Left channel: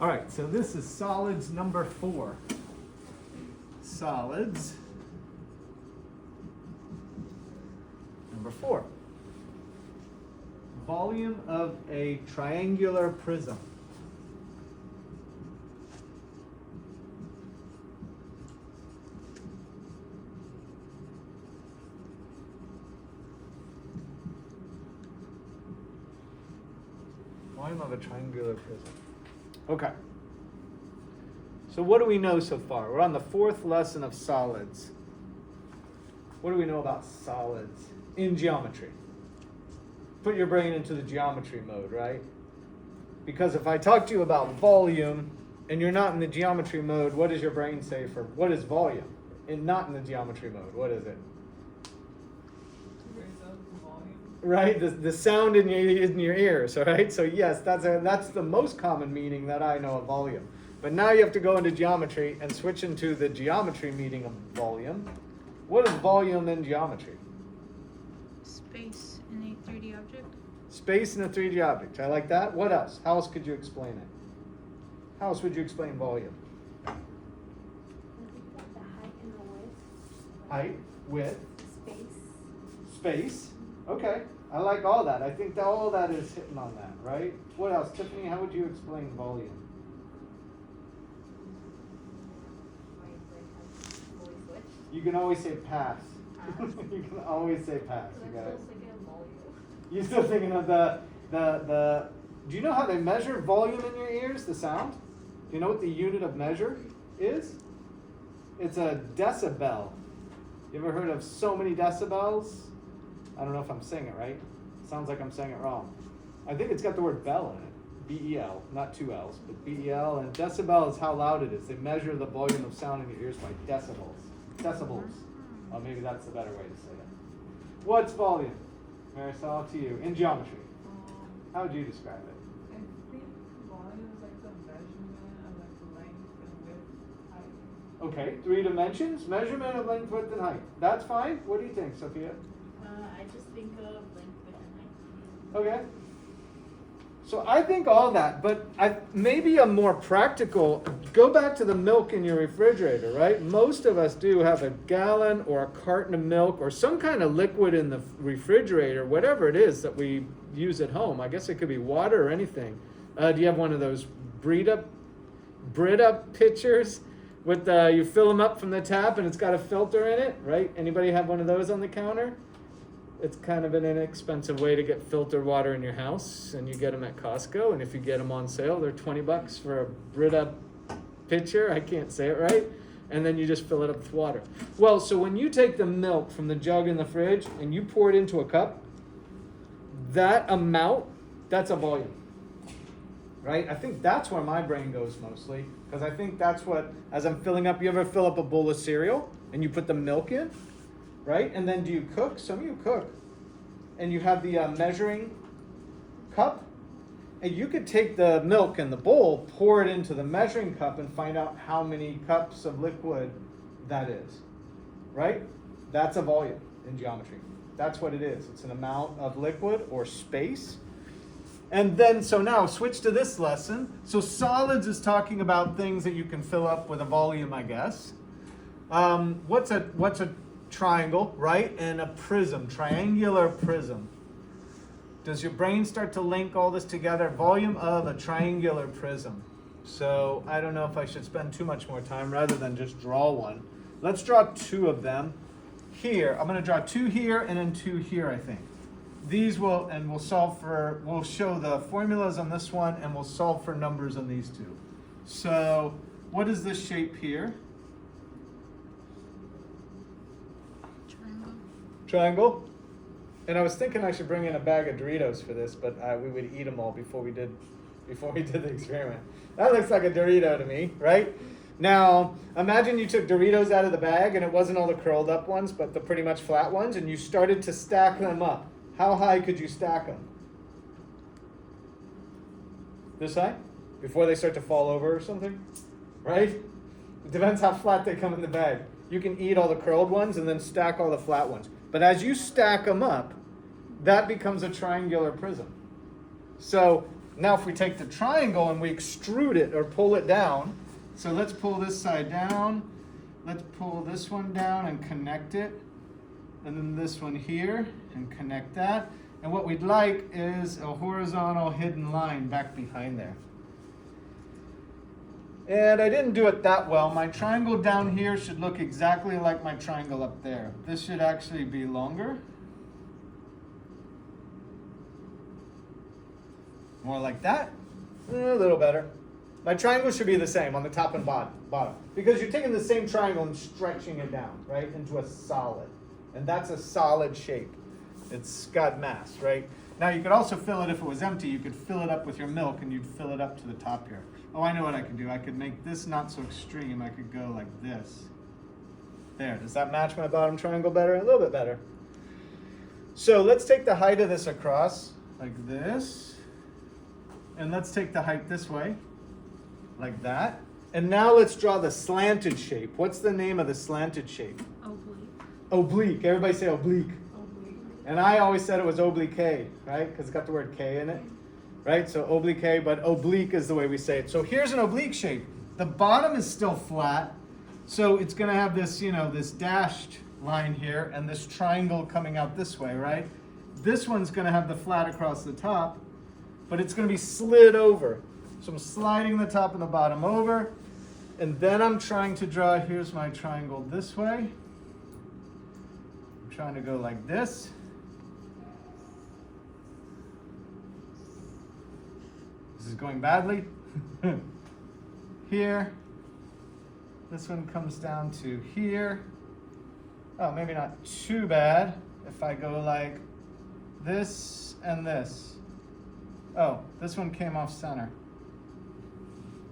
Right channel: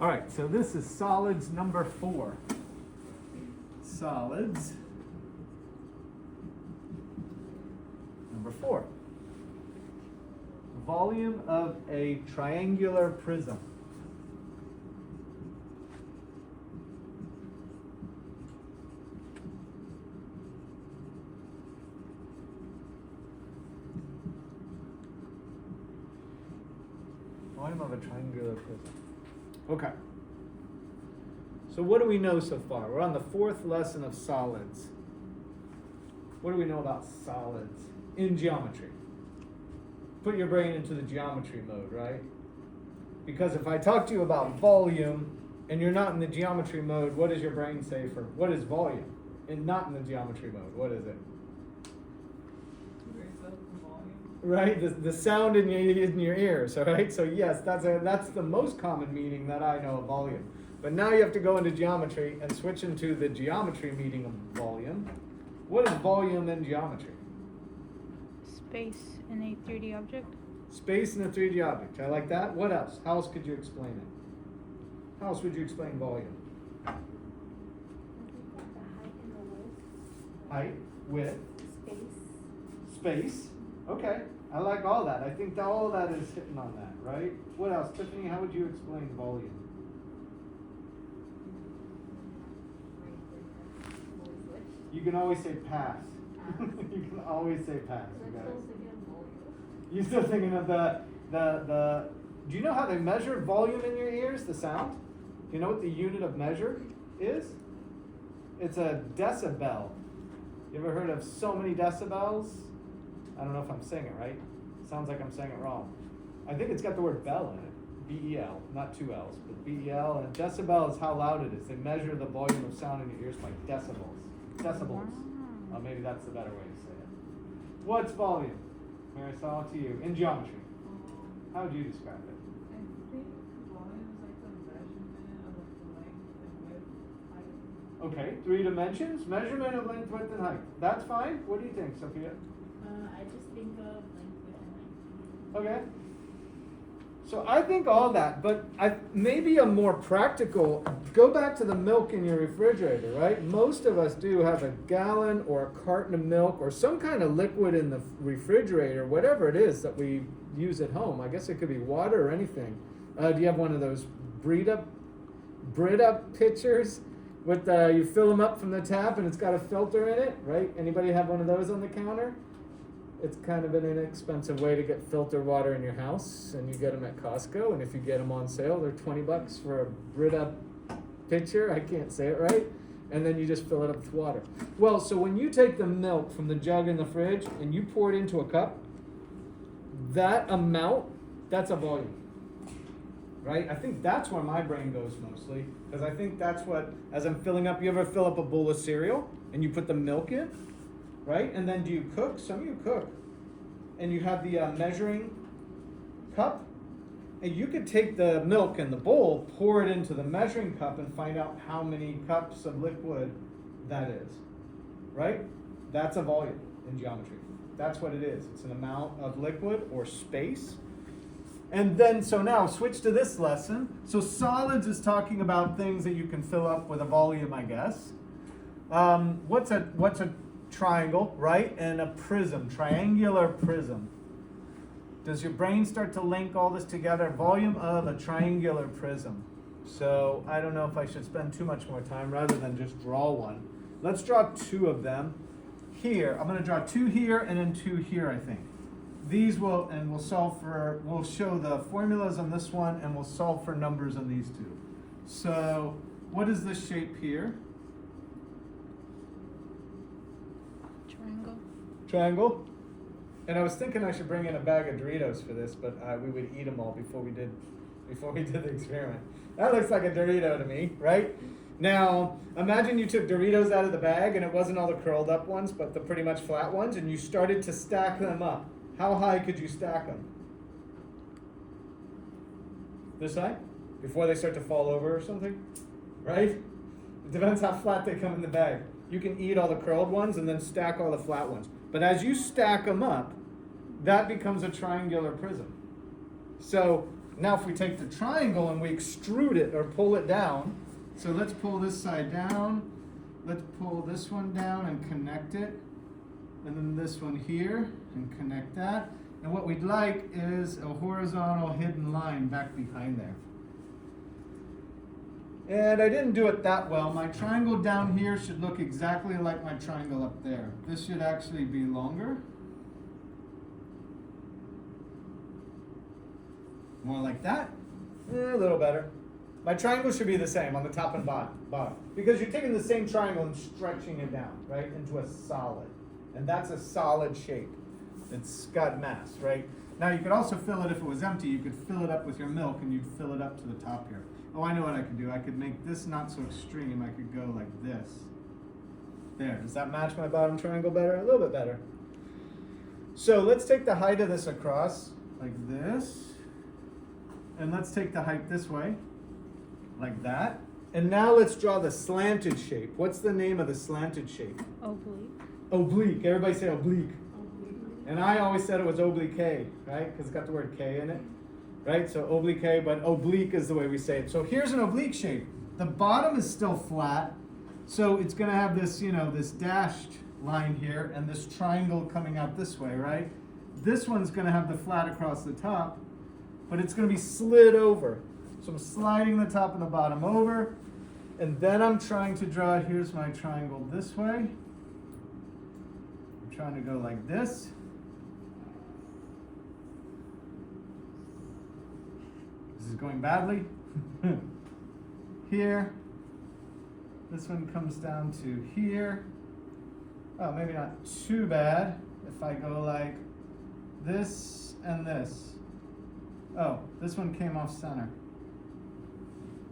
All right, so this is solids number 4. Solids number 4. Volume of a triangular prism. Volume of a triangular prism. Okay. So what do we know so far? We're on the 4th lesson of solids. What do we know about solids in geometry? Put your brain into the geometry mode, right? Because if I talk to you about volume and you're not in the geometry mode, what does your brain say for what is volume? And not in the geometry mode, what is it? Right, the sound in your ears, all right? So yes, that's the most common meaning that I know of volume. But now you have to go into geometry and switch into the geometry meaning of volume. What is volume in geometry? Space in a 3D object. Space in a 3D object. I like that. What else? How else could you explain it? How else would you explain volume? The height and the width. Height, width, Space. space. Okay, I like all that. I think that all that is hitting on that, right? What else? Tiffany, how would you explain volume? You can always say pass. You can always say pass. You got it. You still thinking of the do you know how they measure volume in your ears, the sound? Do you know what the unit of measure is? It's a decibel. You ever heard of so many decibels? I don't know if I'm saying it right. It sounds like I'm saying it wrong. I think it's got the word bell in it. B-E-L, not 2 L's, but B-E-L. And decibel is how loud it is. They measure the volume of sound in your ears by decibels. Decibels. Maybe that's the better way to say it. What's volume? Marisol, to you. In geometry. How would you describe it? I think volume is like the measurement of like length and width, height. Okay, 3 dimensions. Measurement of length, width, and height. That's fine. What do you think, Sophia? I just think of length, width, and height. Okay. So I think all that, but maybe a more practical, go back to the milk in your refrigerator, right? Most of us do have a gallon or a carton of milk or some kind of liquid in the refrigerator, whatever it is that we use at home. I guess it could be water or anything. Do you have one of those Brita pitchers with you fill them up from the tap and it's got a filter in it, right? Anybody have one of those on the counter? It's kind of an inexpensive way to get filtered water in your house, and you get them at Costco, and if you get them on sale, they're $20 for a Brita pitcher. I can't say it right. And then you just fill it up with water. Well, so when you take the milk from the jug in the fridge and you pour it into a cup, that amount, that's a volume. Right? I think that's where my brain goes mostly, because I think that's what, as I'm filling up, you ever fill up a bowl of cereal and you put the milk in? Right? And then do you cook? Some of you cook. And you have the measuring cup. And you could take the milk in the bowl, pour it into the measuring cup, and find out how many cups of liquid that is. Right? That's a volume in geometry. That's what it is. It's an amount of liquid or space. And then, so now switch to this lesson. So solids is talking about things that you can fill up with a volume, I guess. What's a triangle, right? And a prism, triangular prism. Does your brain start to link all this together? Volume of a triangular prism. So I don't know if I should spend too much more time rather than just draw one. Let's draw 2 of them here. I'm going to draw 2 here and then 2 here, I think. These will, and we'll show the formulas on this one, and we'll solve for numbers on these 2. So what is this shape here? Triangle. And I was thinking I should bring in a bag of Doritos for this, but we would eat them all before we did the experiment. That looks like a Dorito to me, right? Now, imagine you took Doritos out of the bag and it wasn't all the curled up ones, but the pretty much flat ones, and you started to stack them up. How high could you stack them? This high? Before they start to fall over or something? Right? It depends how flat they come in the bag. You can eat all the curled ones and then stack all the flat ones. But as you stack them up, that becomes a triangular prism. So Now if we take the triangle and we extrude it or pull it down, so let's pull this side down, let's pull this one down and connect it, and then this one here and connect that. And what we'd like is a horizontal hidden line back behind there. And I didn't do it that well. My triangle down here should look exactly like my triangle up there. This should actually be longer. More like that. A little better. My triangle should be the same on the top and bottom. Because you're taking the same triangle and stretching it down, right, into a solid. And that's a solid shape. It's got mass, right? Now you could also fill it if it was empty. You could fill it up with your milk and you'd fill it up to the top here. Oh, I know what I could do. I could make this not so extreme. I could go like this. There. Does that match my bottom triangle better? A little bit better. So let's take the height of this across like this. And let's take the height this way, like that. And now let's draw the slanted shape. What's the name of the slanted shape? Oblique. Oblique. Everybody say oblique. And I always said it was oblique, right? Because it's got the word K in it, right? So oblique, but oblique is the way we say it. So here's an oblique shape. The bottom is still flat, so it's going to have this, you know, this dashed line here and this triangle coming out this way, right? This one's going to have the flat across the top, but it's going to be slid over. So I'm sliding the top and the bottom over, and then I'm trying to draw, here's my triangle this way. I'm trying to go like this. This is going badly. Here. This one comes down to here. Oh, maybe not too bad if I go like this and this. Oh, this one came off center.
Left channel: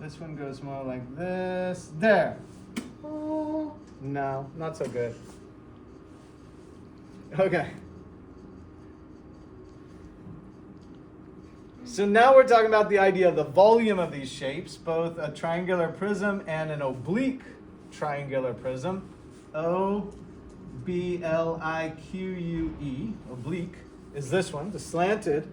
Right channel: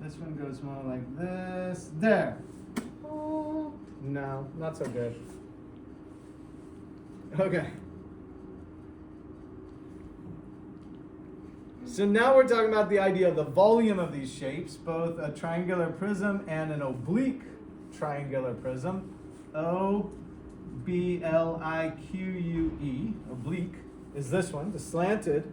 This one goes more like this. There. Oh, no, not so good. Okay. So now we're talking about the idea of the volume of these shapes, both a triangular prism and an oblique triangular prism. O-B-L-I-Q-U-E, oblique, is this one, the slanted.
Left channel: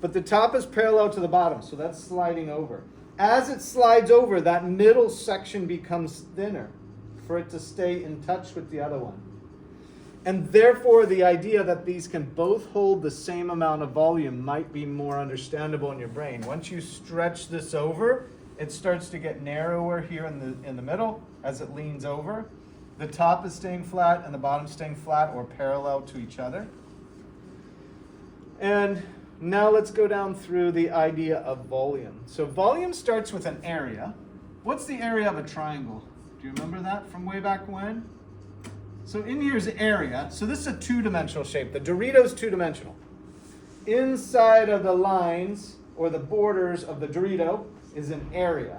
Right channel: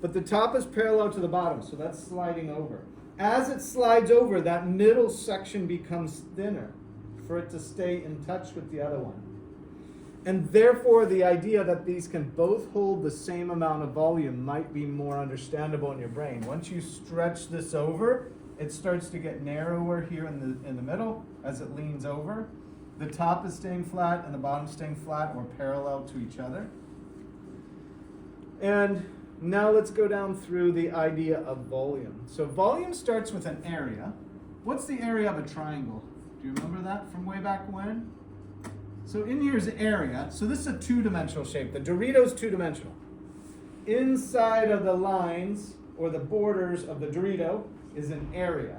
But the top is parallel to the bottom, so that's sliding over. As it slides over, that middle section becomes thinner for it to stay in touch with the other one. And therefore, the idea that these can both hold the same amount of volume might be more understandable in your brain. Once you stretch this over, it starts to get narrower here in the middle as it leans over. The top is staying flat and the bottom is staying flat or parallel to each other. And now let's go down through the idea of volume. So volume starts with an area. What's the area of a triangle? Do you remember that from way back when? So in here's area. So this is a two-dimensional shape. The Dorito's two-dimensional. Inside of the lines or the borders of the Dorito is an area.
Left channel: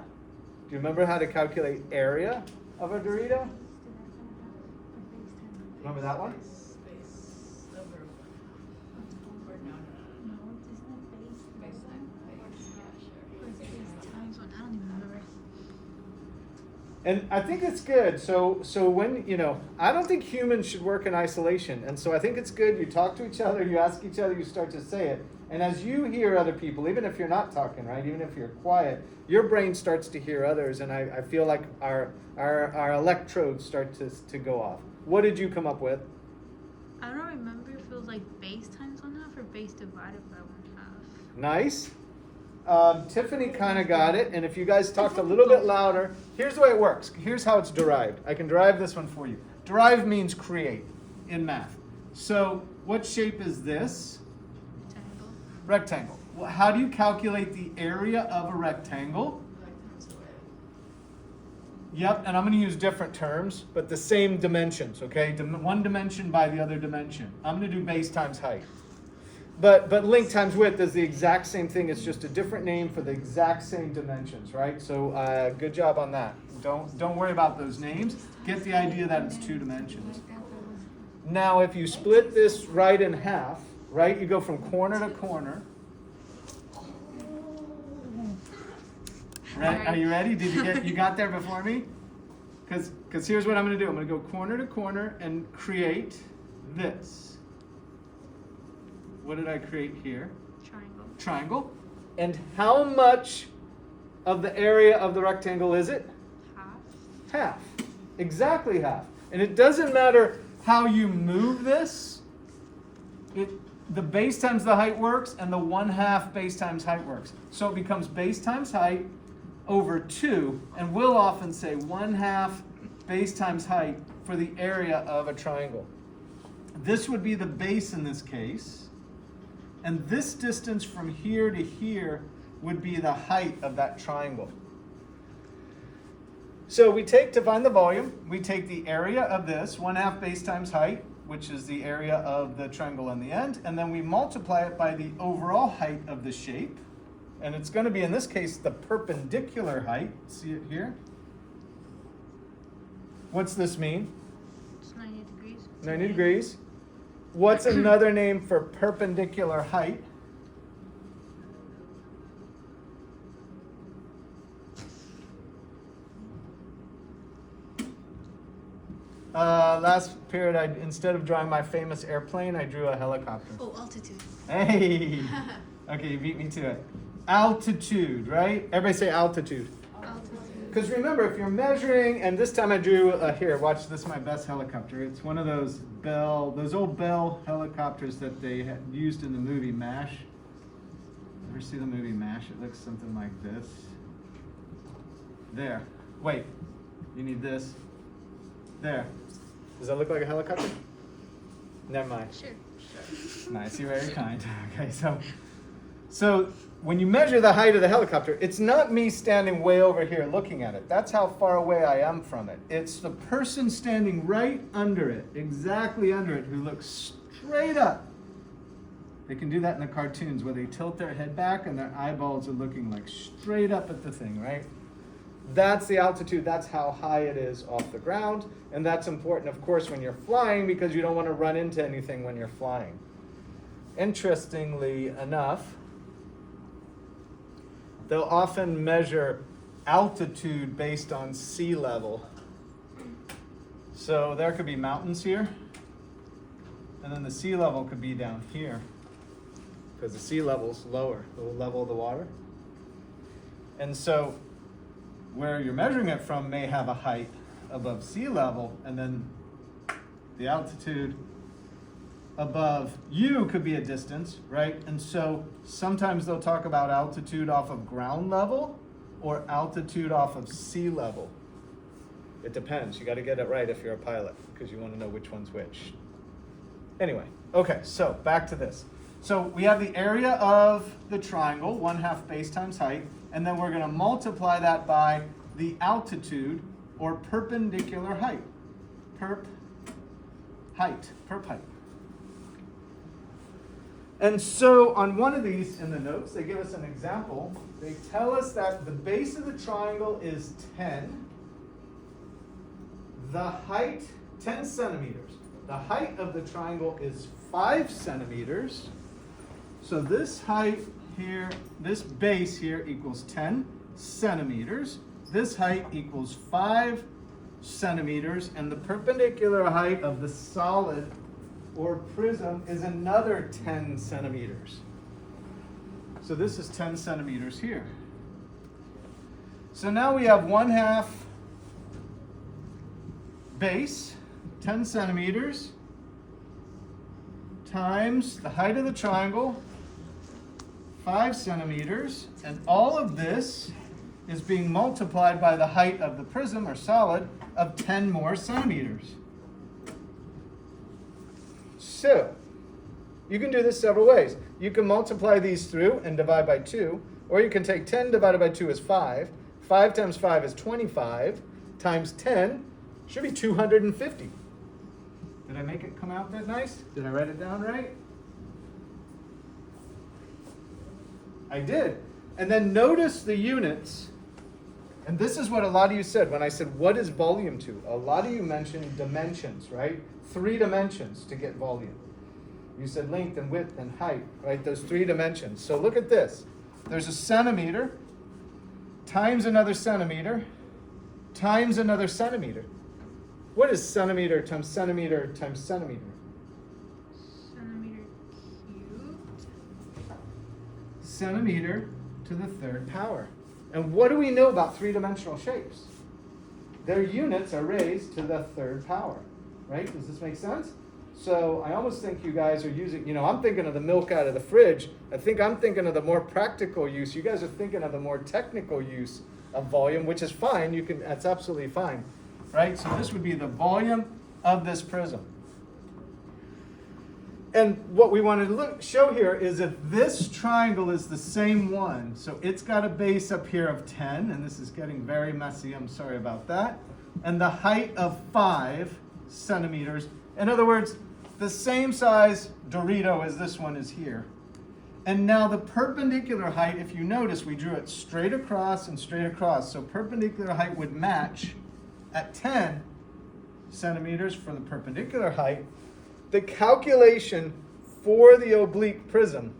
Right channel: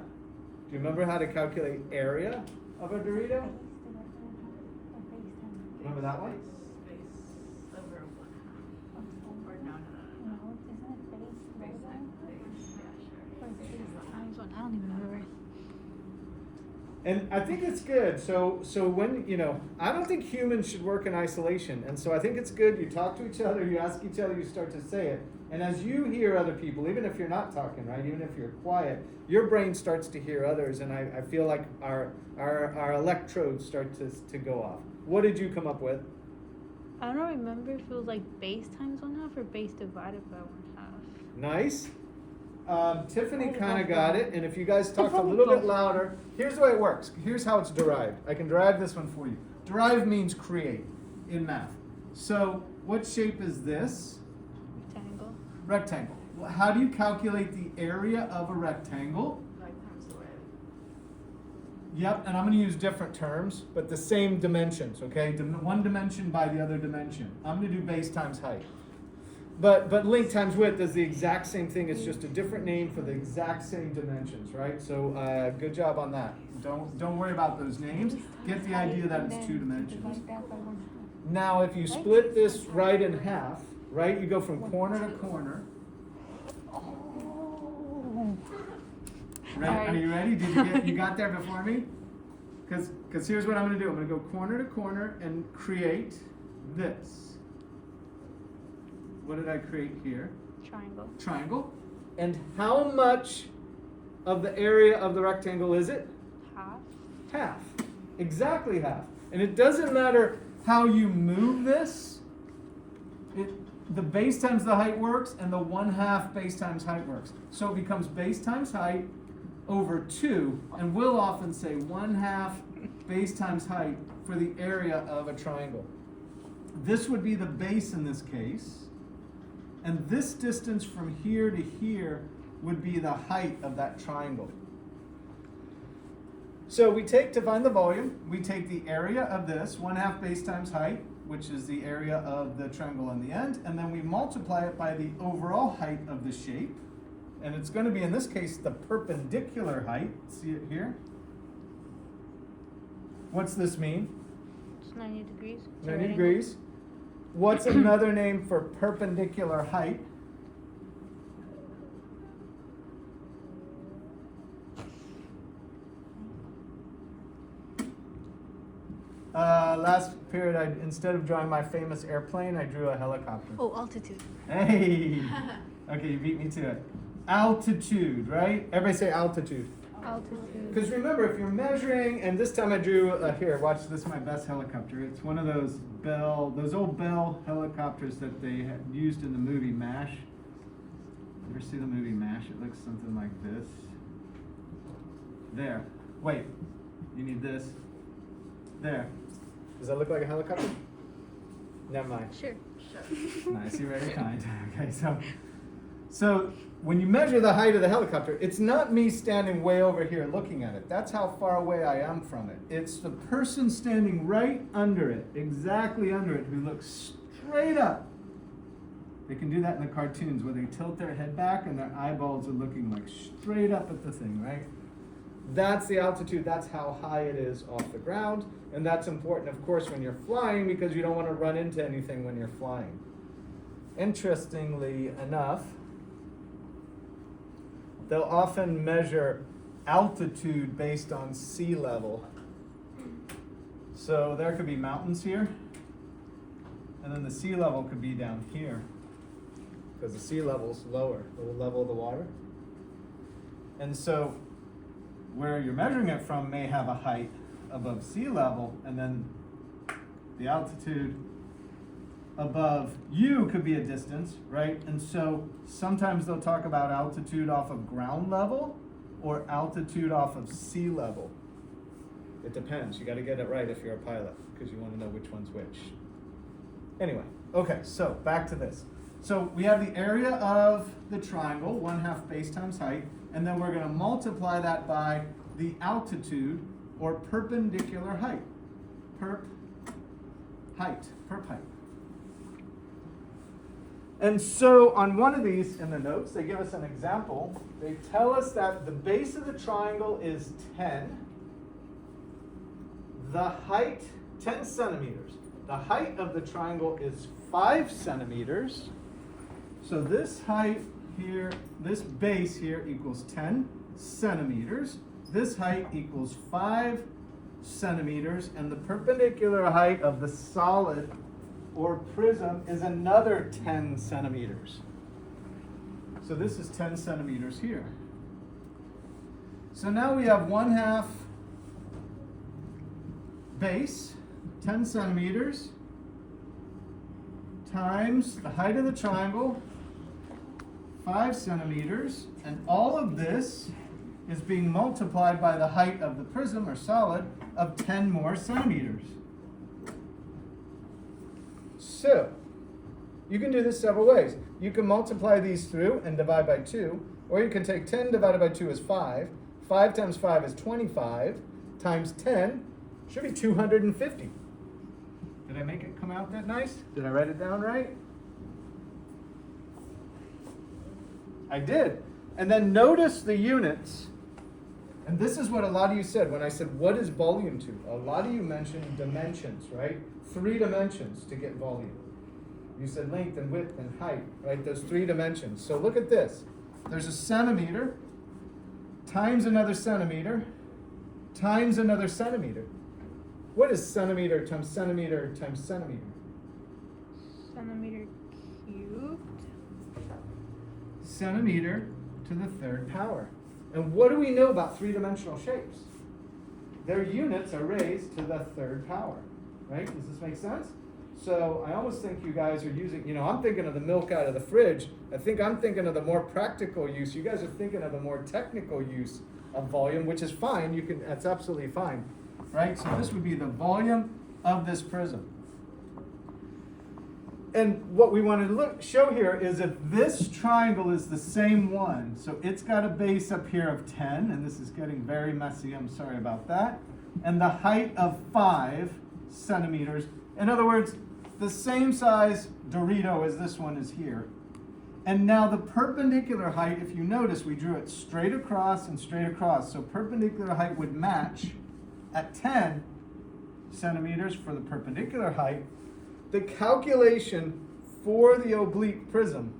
Do you remember how to calculate area of a Dorito? Remember that one? Space over 1/2. Or no. No, isn't it base? Space times base. Yeah, sure. Or is it base times 1? I don't remember. And I think it's good. So when, you know, I don't think humans should work in isolation. And so I think it's good you talk to each other, you ask each other, you start to say it. And as you hear other people, even if you're not talking, right, even if you're quiet, your brain starts to hear others. And I feel like our electrodes start to go off. What did you come up with? I don't remember if it was like base times 1/2 or base divided by 1/2. Nice. Tiffany kind of got it, and if you guys talked a little bit louder, here's the way it works. Here's how it's derived. I can derive this one for you. Derive means create in math. So what shape is this? Rectangle. Rectangle. Well, how do you calculate the area of a rectangle? Like times the width. Yep, and I'm going to use different terms, but the same dimensions, okay? One dimension by the other dimension. I'm going to do base times height. But length times width is the exact same thing. It's just a different name for the exact same dimensions, right? So good job on that. Don't worry about those names. Get the idea that it's two dimensions. Now, if you split this right in half, right, you go from corner to corner. Right? Are you ready? You got there before me? Because here's what I'm going to do. I'm going to go corner to corner and create this. What did I create here? Triangle. Triangle. And how much of the area of the rectangle is it? Half. Half. Exactly half. And it doesn't matter how you move this. The base times the height works, and the 1/2 base times height works. So it becomes base times height over 2, and we'll often say 1/2 base times height for the area of a triangle. This would be the base in this case, and this distance from here to here would be the height of that triangle. So to find the volume, we take the area of this, 1/2 base times height, which is the area of the triangle on the end, and then we multiply it by the overall height of the shape. And it's going to be, in this case, the perpendicular height. See it here? What's this mean? It's 90 degrees. 90 degrees. What's another name for perpendicular height? Last period, instead of drawing my famous airplane, I drew a helicopter. Oh, altitude. Hey! Okay, you beat me to it. Altitude, right? Everybody say altitude. Altitude. Because remember, if you're measuring, and this time I drew, here, watch, this is my best helicopter. It's one of those old Bell helicopters that they had used in the movie MASH. Ever see the movie MASH? It looks something like this. There. Wait, you need this. There. Does that look like a helicopter? Never mind. Sure. Nice, you're very kind. Okay, so when you measure the height of the helicopter, it's not me standing way over here looking at it. That's how far away I am from it. It's the person standing right under it, exactly under it, who looks straight up. They can do that in the cartoons where they tilt their head back and their eyeballs are looking like straight up at the thing, right? That's the altitude. That's how high it is off the ground. And that's important, of course, when you're flying, because you don't want to run into anything when you're flying. Interestingly enough, they'll often measure altitude based on sea level. So there could be mountains here, and then the sea level could be down here, because the sea level's lower, the level of the water. And so where you're measuring it from may have a height above sea level, and then the altitude above you could be a distance, right? And so sometimes they'll talk about altitude off of ground level or altitude off of sea level. It depends. You got to get it right if you're a pilot, because you want to know which one's which. Anyway, okay, so back to this. So we have the area of the triangle, 1/2 base times height, and then we're going to multiply that by the altitude or perpendicular height. Perp height. And so on one of these in the notes, they give us an example. They tell us that the base of the triangle is 10. The height, 10 centimeters. The height of the triangle is 5 centimeters. So this height here, this base here equals 10 centimeters. This height equals 5 centimeters. And the perpendicular height of the solid or prism is another 10 centimeters. So this is 10 centimeters here. So now we have 1/2 base, 10 centimeters, times the height of the triangle, 5 centimeters, and all of this is being multiplied by the height of the prism or solid of 10 more centimeters. So, you can do this several ways. You can multiply these through and divide by 2, or you can take 10 divided by 2 is 5. 5 times 5 is 25, times 10 should be 250. Did I make it come out that nice? Did I write it down right? I did. And then notice the units. And this is what a lot of you said when I said, what is volume to? A lot of you mentioned dimensions, right? 3 dimensions to get volume. You said length and width and height, right? Those 3 dimensions. So look at this. There's a centimeter times another centimeter times another centimeter. What is centimeter times centimeter times centimeter? Centimeter cubed. Centimeter to the third power. And what do we know about three-dimensional shapes? Their units are raised to the third power, right? Does this make sense? So I almost think you guys are using, I'm thinking of the milk out of the fridge. I think I'm thinking of the more practical use. You guys are thinking of the more technical use of volume, which is fine. That's absolutely fine, right? So this would be the volume of this prism. And what we want to show here is if this triangle is the same one, so it's got a base up here of 10, and this is getting very messy, I'm sorry about that, and the height of 5 centimeters. In other words, the same size Dorito as this one is here. And now the perpendicular height, if you notice, we drew it straight across and straight across. So perpendicular height would match at 10 centimeters for the perpendicular height. The calculation for the oblique prism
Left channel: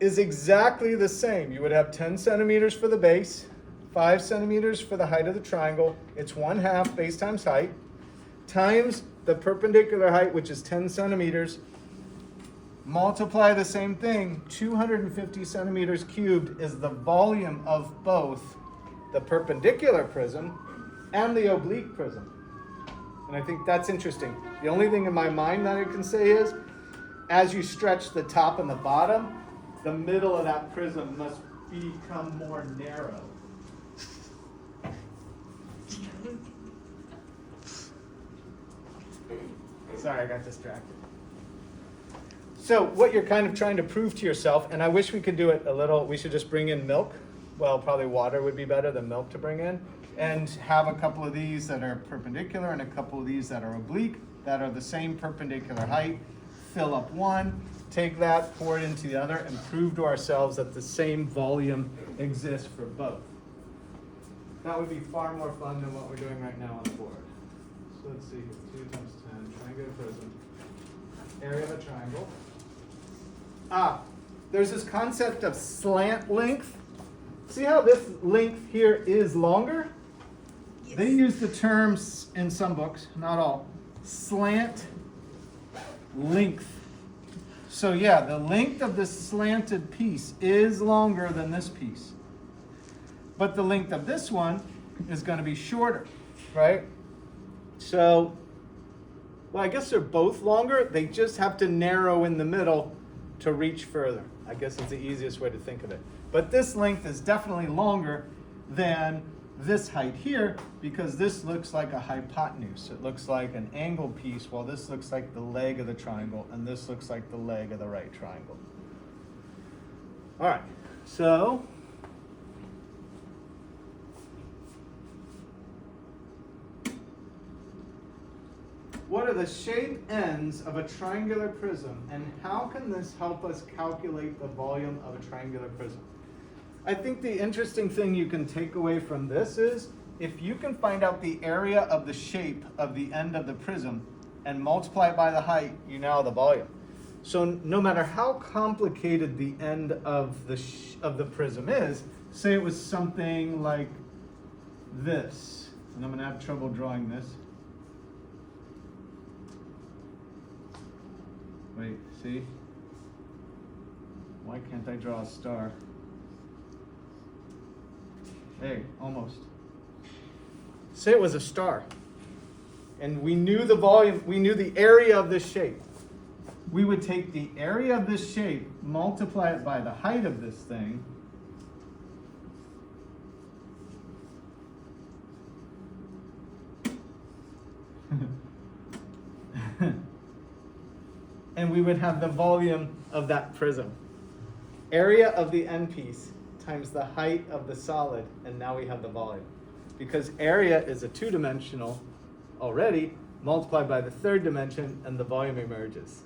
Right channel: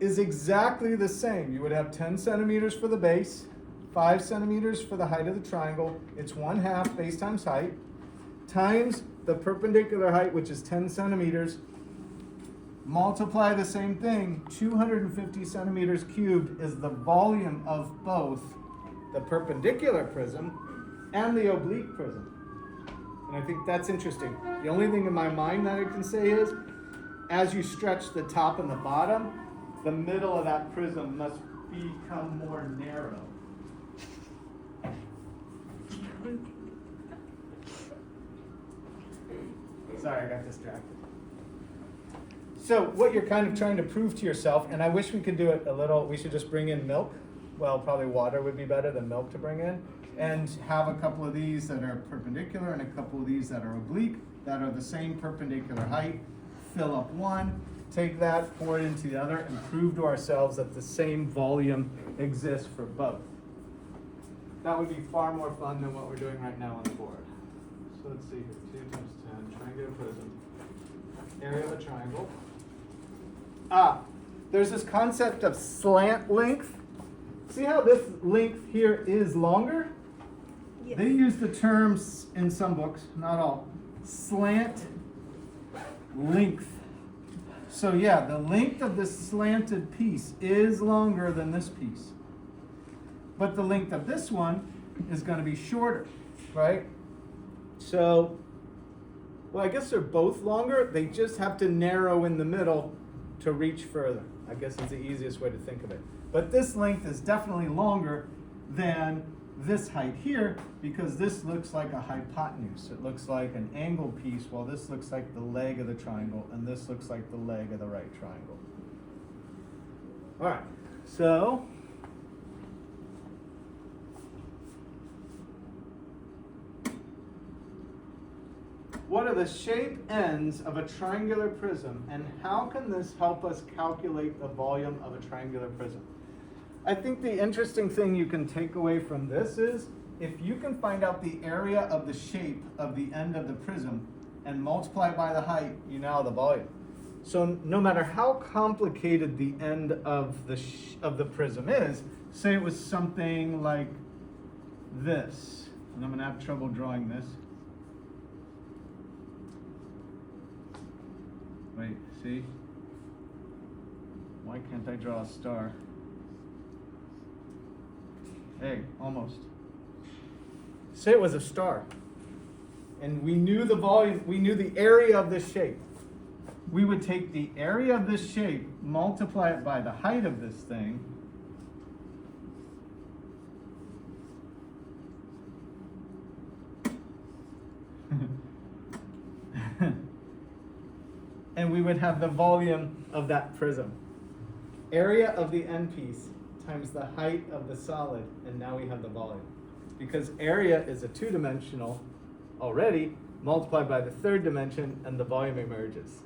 is exactly the same. You would have 10 centimeters for the base, 5 centimeters for the height of the triangle. It's 1/2 base times height, times the perpendicular height, which is 10 centimeters. Multiply the same thing. 250 centimeters cubed is the volume of both the perpendicular prism and the oblique prism. And I think that's interesting. The only thing in my mind that I can say is, as you stretch the top and the bottom, the middle of that prism must become more narrow. Sorry, I got distracted. So what you're kind of trying to prove to yourself, and I wish we could do it we should just bring in milk. Well, probably water would be better than milk to bring in. And have a couple of these that are perpendicular and a couple of these that are oblique, that are the same perpendicular height. Fill up one, take that, pour it into the other, and prove to ourselves that the same volume exists for both. That would be far more fun than what we're doing right now on the board. So let's see, 2 times 10, triangular prism, area of a triangle. There's this concept of slant length. See how this length here is longer? Yes. They use the terms in some books, not all, slant length. So yeah, the length of this slanted piece is longer than this piece. But the length of this one is going to be shorter, right? So, well, I guess they're both longer. They just have to narrow in the middle to reach further. I guess it's the easiest way to think of it. But this length is definitely longer than this height here, because this looks like a hypotenuse. It looks like an angled piece, while this looks like the leg of the triangle, and this looks like the leg of the right triangle. All right, so what are the shape ends of a triangular prism, and how can this help us calculate the volume of a triangular prism? I think the interesting thing you can take away from this is, if you can find out the area of the shape of the end of the prism and multiply it by the height, you now have the volume. So no matter how complicated the end of the prism is, say it was something like this, and I'm going to have trouble drawing this. Wait, see? Why can't I draw a star? Hey, almost. Say it was a star. And we knew the volume, we knew the area of this shape. We would take the area of this shape, multiply it by the height of this thing, and we would have the volume of that prism. Area of the end piece times the height of the solid, and now we have the volume. Because area is a 2-dimensional already, multiplied by the 3rd dimension, and the volume emerges.